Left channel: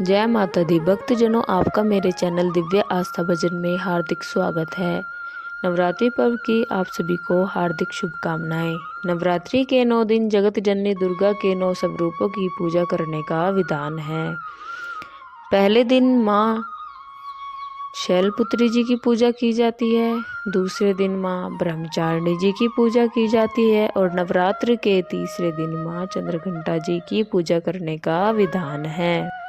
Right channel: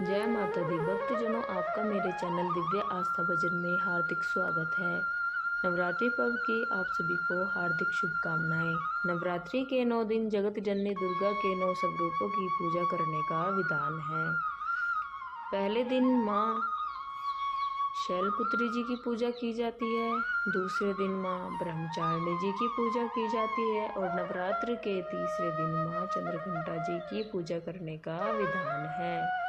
जय माता दी भक्तजनों, आपका मेरे चैनल दिव्य आस्था भजन में हार्दिक स्वागत है। नवरात्रि पर्व की आप सभी को हार्दिक शुभकामनाएं। नवरात्रि के 9 दिन जगत जननी दुर्गा के 9 स्वरूपों की पूजा करने का विधान है। पहले दिन माँ शैलपुत्री जी की पूजा की जाती है, दूसरे दिन माँ ब्रह्मचारिणी जी की पूजा की जाती है और नवरात्र के तीसरे दिन माँ चंद्रघंटा जी की पूजा करने का विधान है।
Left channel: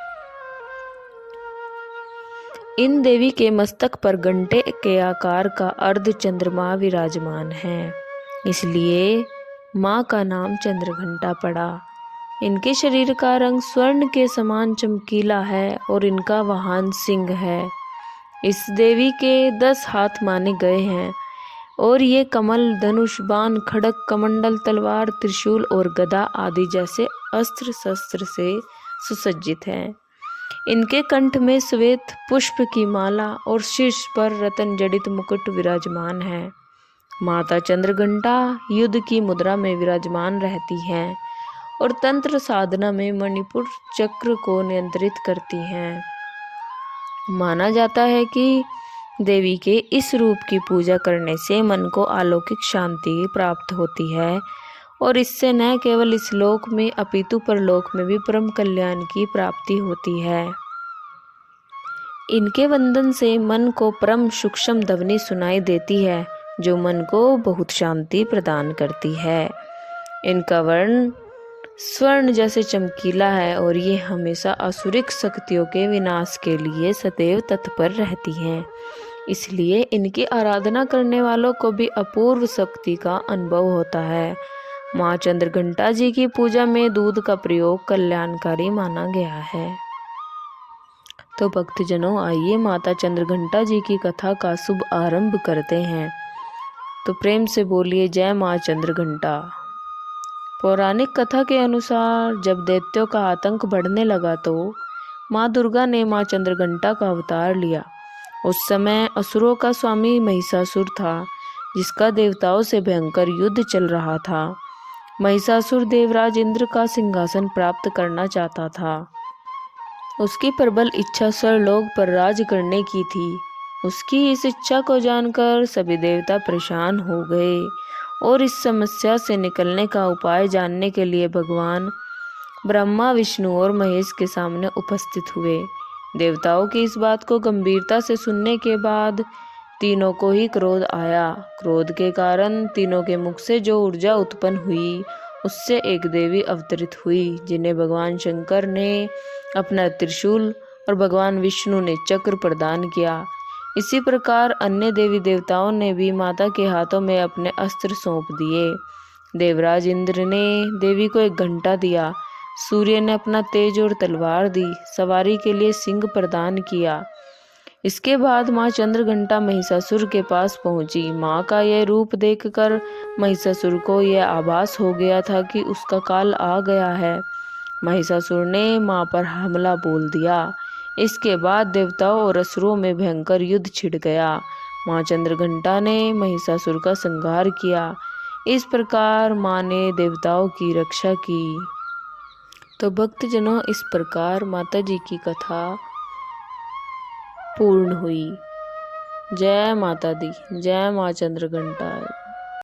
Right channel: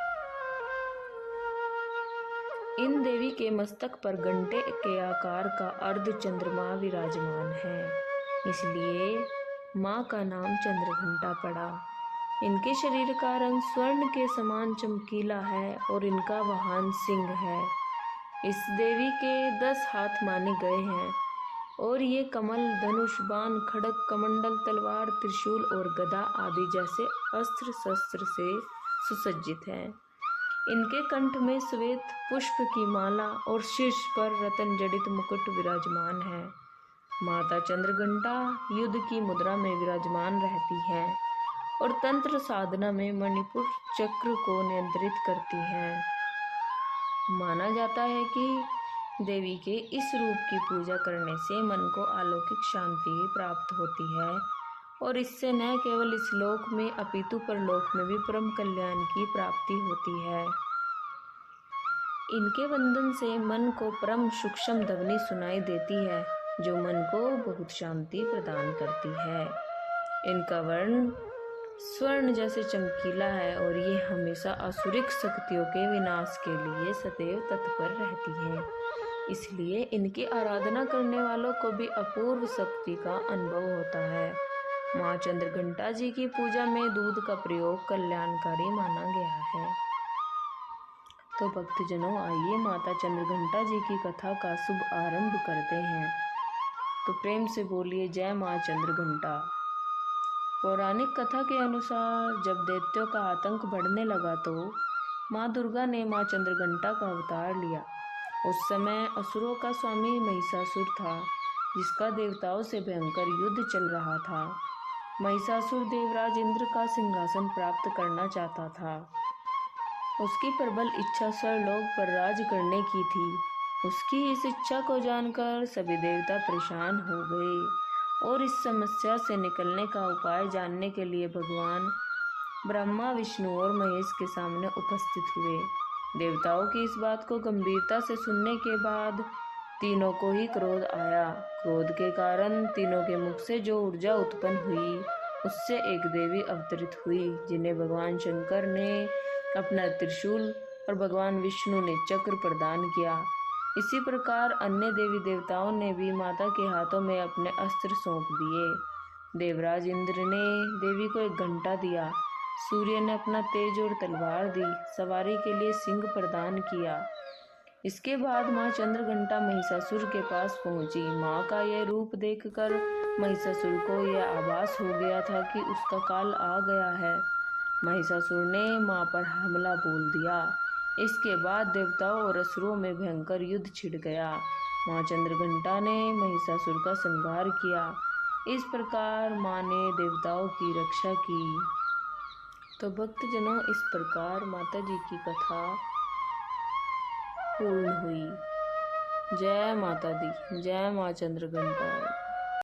इन देवी के मस्तक पर घंटे के आकार का अर्ध चंद्रमा विराजमान है, इसलिए माँ का नाम चंद्रघंटा पड़ा। इनके शरीर का रंग स्वर्ण के समान चमकीला है और इनका वाहन सिंह है। इस देवी के 10 हाथ माने गए हैं और ये कमल, धनुष, बाण, खड्ग, कमंडल, तलवार, त्रिशूल और गदा आदि जैसे अस्त्र शस्त्र से सुसज्जित हैं। इनके कंठ में श्वेत पुष्प की माला और शीर्ष पर रत्न जड़ित मुकुट विराजमान है। माता चंद्रघंटा युद्ध की मुद्रा में विराजमान रहती हैं और तंत्र साधना में मणिपुर चक्र को नियंत्रित करती हैं। माना जाता है कि देवी के इस रूप की पूजा करने से मन को अलौकिक शांति प्राप्त होती है और इससे न केवल इस लोक में अपितु परलोक में भी परम कल्याण की प्राप्ति होती है। इनके वंदन से मन को परम सूक्ष्म ध्वनि सुनाई देती है, जो मन को बहुत शांति प्रदान करती है। इनका वर्ण स्वर्ण जैसे चमकीला है और ये हमेशा असुरिक शक्तियों के विनाश के लिए सदैव तत्पर रहती हैं। इसलिए इनकी आराधना करने वालों को भी अपूर्व शक्ति का अनुभव होता है। माँ चंद्रघंटा जी की पूजा में दूध का प्रयोग कल्याणकारी माना गया है। तो भक्तजनों, आइए माता चंद्रघंटा जी की कथा का शुभ आरंभ करते हैं। तो प्रेम से बोलिए जय माँ चंद्रघंटा। पौराणिक कथा के अनुसार जब दैत्यों का आतंक बढ़ने लगा तो माँ दुर्गा ने माँ चंद्रघंटा का अवतार लिया। उस समय असुरों का स्वामी महिषासुर था, जिसका देवताओं से भयंकर युद्ध चल रहा था। महिषासुर देवराज इंद्र का सिंहासन प्राप्त करना चाहता था। उसकी प्रबल इच्छा स्वर्लोक पर राज करने की थी। उसकी इस इच्छा को जानकर सभी देवता परेशान हो गए और इस समस्या से निकलने का उपाय जानने के लिए भगवान ब्रह्मा, विष्णु और महेश के सामने उपस्थित हुए। देवताओं की इस बात को गंभीरता से सुनने के बाद तीनों को ही क्रोध आया। क्रोध के कारण तीनों के मुख से जो ऊर्जा उत्पन्न हुई, उससे एक देवी अवतरित हुई, जिन्हें भगवान शंकर ने अपना त्रिशूल और भगवान विष्णु ने चक्र प्रदान किया। इसी प्रकार अन्य देवी देवताओं ने भी माता के हाथों में अपने अस्त्र सौंप दिए। देवराज इंद्र ने देवी को एक घंटा दिया, सूर्य ने अपना तेज और तलवार दी, सवारी के लिए सिंह प्रदान किया। इसके बाद माँ चंद्रघंटा महिषासुर के पास पहुंची। माँ का यह रूप देखकर महिषासुर को यह आभास हो गया था कि उसका काल आ गया है। महिषासुर ने माँ पर हमला बोल दिया। इसके बाद देवताओं और असुरों में भयंकर युद्ध छिड़ गया। माँ चंद्रघंटा ने महिषासुर का संहार किया। इस प्रकार माँ ने देवताओं की रक्षा की। तो भक्तजनों, इस प्रकार माता जी की कथा पूर्ण हुई। जय माता दी, जय माँ चंद्रघंटा।